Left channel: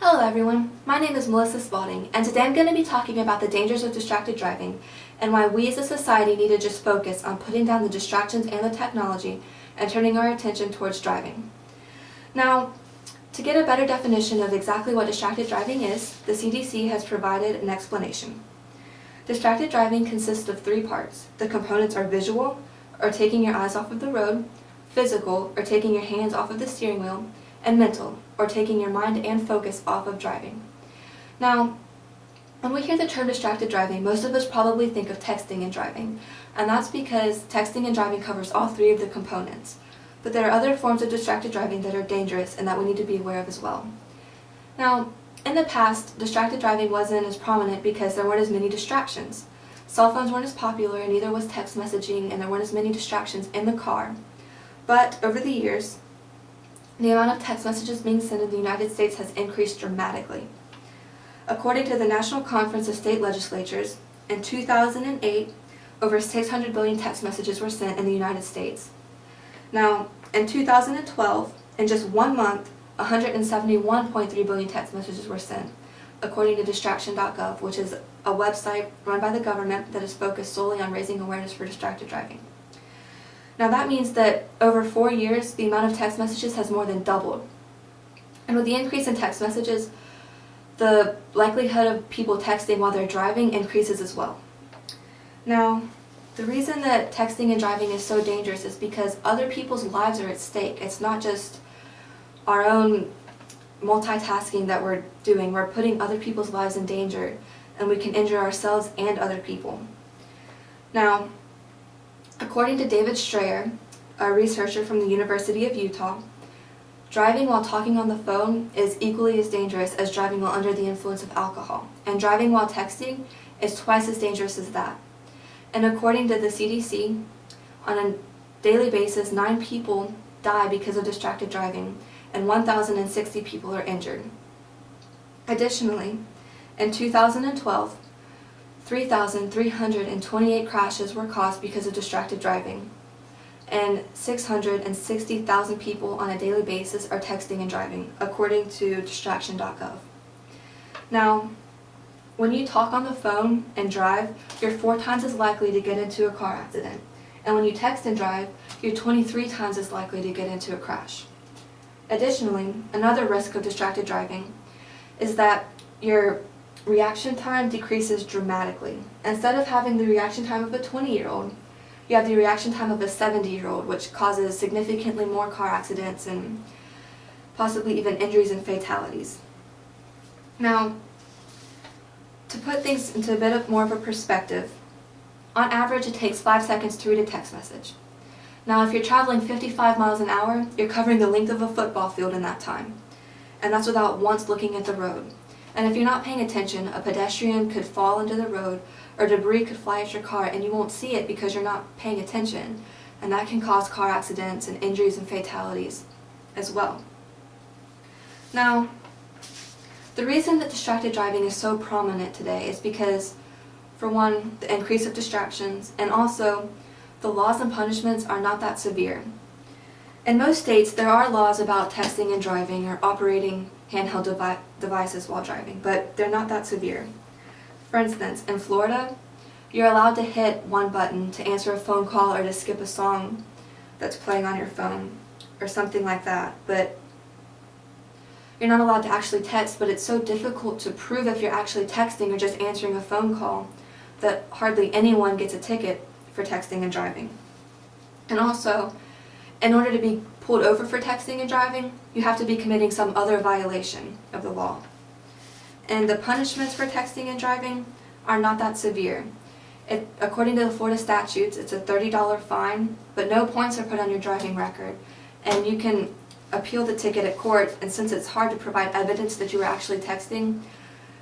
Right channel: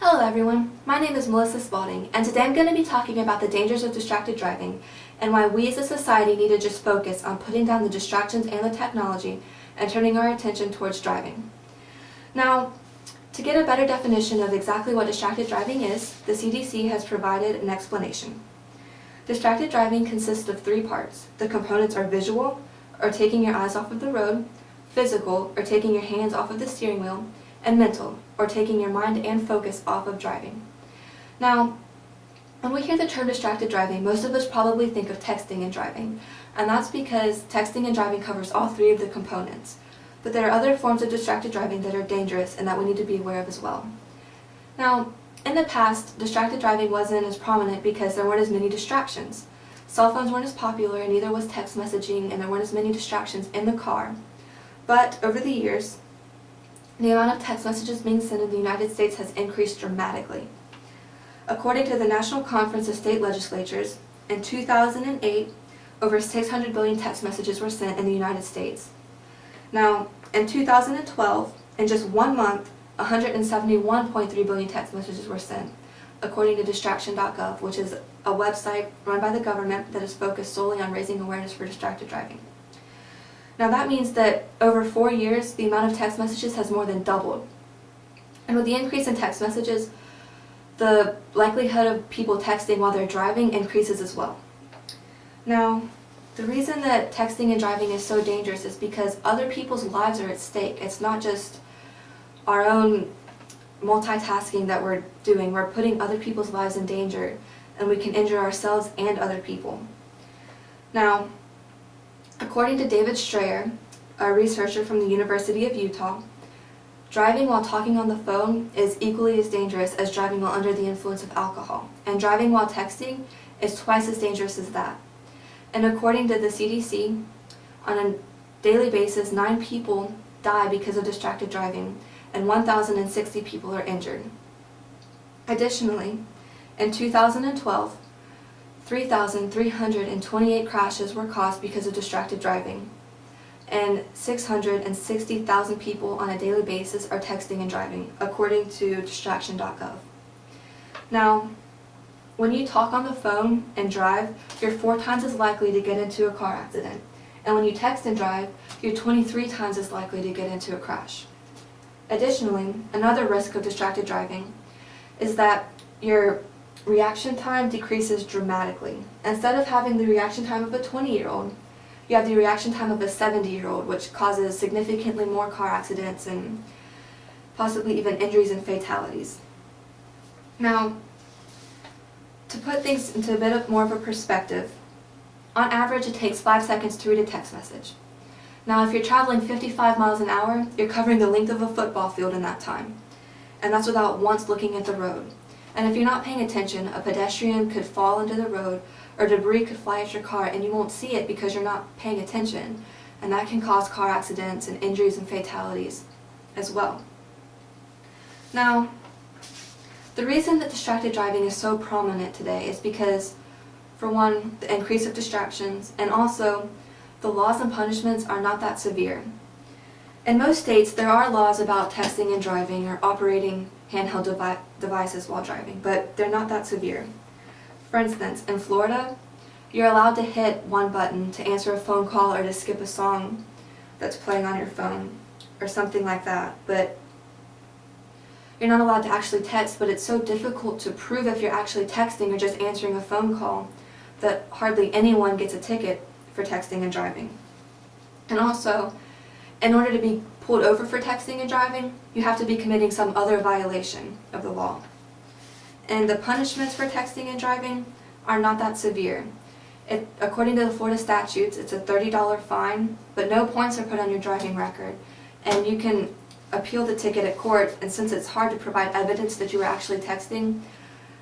Hello everyone, my name is Melissa Spaulding, and today I'm going to be talking about the dangers of distracted driving and why we as a society need to just focus on putting down the distractions and the technology and turning our attention towards driving. Now, to get a better definition of exactly what distracted driving is, the CDC has provided an explanation. Distracted driving consists of three parts. The components are visual, or taking your eyes off of the road, physical, or taking your hands off of the steering wheel, and mental, or taking your mind and focus off of driving. Now, when we hear the term distracted driving, most of us probably think of texting and driving, and that's because texting and driving covers all three of the components. But there are other forms of distracted driving that are dangerous and that we need to be aware of as well. Now, in the past, distracted driving wasn't as prominent because there weren't as many distractions. Cell phones weren't as popular, and neither was text messaging, and there weren't as many distractions in the car. But over the years, the amount of text messages being sent in the United States has increased dramatically. According to the National Conference of State Legislatures, in 2008, over 600 billion text messages were sent in the United States. Now, in 2012, in just 1 month, 171.3 billion text messages were sent, according to distraction.gov, which is a website run by the government that is focused solely on raising awareness for distracted driving. Now that means that over 4 years, the amount of text messages has more than doubled. And with the increase in text messages, the likelihood of people texting while they're driving increases as well. Now, the reason that texting and driving is so dangerous is because other people's lives are at stake. It's not just our own multitasking that we're doing. We're putting other people's lives in danger, and we can injure ourselves and other people. Now, according to David Strayer, a researcher from the University of Utah, driving while talking on the phone is equally as dangerous as driving while under the influence of alcohol, and driving while texting is twice as dangerous as that. And according to the CDC, on a daily basis, 9 people die because of distracted driving, and 1,060 people are injured. Additionally, in 2012, 3,328 crashes were caused because of distracted driving, and 660,000 people on a daily basis are texting and driving, according to distraction.gov. Now, when you talk on the phone and drive, you're 4 times as likely to get into a car accident, and when you text and drive, you're 23 times as likely to get into a crash. Additionally, another risk of distracted driving is that your reaction time decreases dramatically. Instead of having the reaction time of a 20-year-old, you have the reaction time of a 70-year-old, which causes significantly more car accidents and possibly even injuries and fatalities. Now, to put things into a bit more of a perspective, on average it takes 5 seconds to read a text message. Now, if you're traveling 55 miles an hour, you're covering the length of a football field in that time, and that's without once looking at the road. And if you're not paying attention, a pedestrian could fall into the road, or debris could fly at your car, and you won't see it because you're not paying attention. And that can cause car accidents and injuries and fatalities as well. Now, the reason that distracted driving is so prominent today is because, for one, the increase of distractions, and also the laws and punishments are not that severe. In most states, there are laws about texting and driving or operating handheld devices while driving, but they're not that severe. For instance, in Florida, you're allowed to hit one button to answer a phone call or to skip a song that's playing on your phone or something like that, but you're not allowed to actually text, but it's so difficult to prove if you're actually texting or just answering a phone call that hardly anyone gets a ticket for texting and driving. And also, in order to be pulled over for texting and driving, you have to be committing some other violation of the law. And the punishments for texting and driving are not that severe. According to the Florida statutes, it's a $30 fine, but no points are put on your driving record. And you can appeal the ticket at court, and since it's hard to provide evidence that you were actually texting,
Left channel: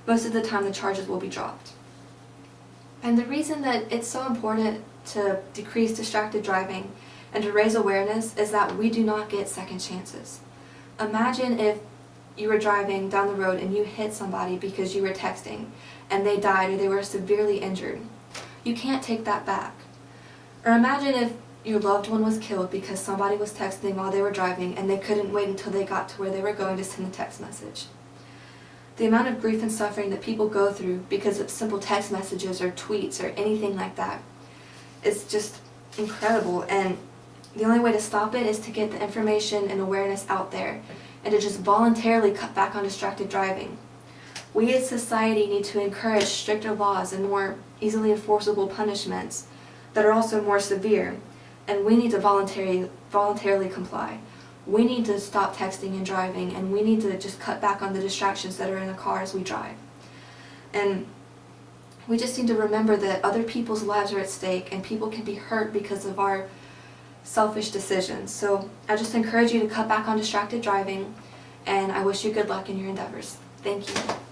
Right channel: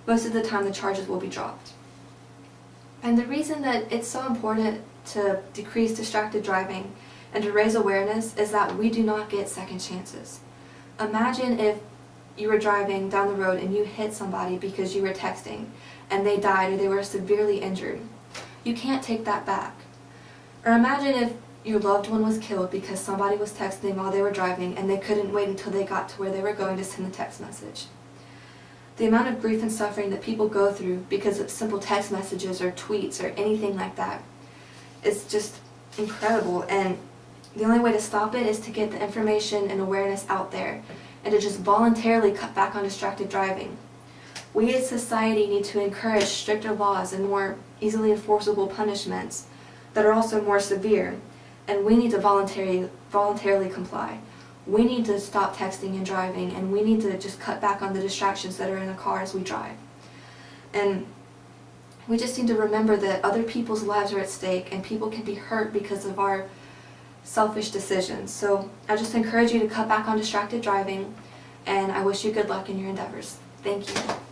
most of the time the charges will be dropped. And the reason that it's so important to decrease distracted driving and to raise awareness is that we do not get second chances. Imagine if you were driving down the road and you hit somebody because you were texting and they died or they were severely injured. You can't take that back. Or imagine if your loved one was killed because somebody was texting while they were driving and they couldn't wait until they got to where they were going to send the text message. The amount of grief and suffering that people go through because of simple text messages or tweets or anything like that is just incredible, and the only way to stop it is to get the information and awareness out there and to just voluntarily cut back on distracted driving. We as society need to encourage stricter laws and more easily enforceable punishments that are also more severe, and we need to voluntarily comply. We need to stop texting and driving, and we need to just cut back on the distractions that are in the car as we drive. And we just need to remember that other people's lives are at stake and people can be hurt because of our selfish decisions. So I just encourage you to cut back on distracted driving, and I wish you good luck in your endeavors. Thank you.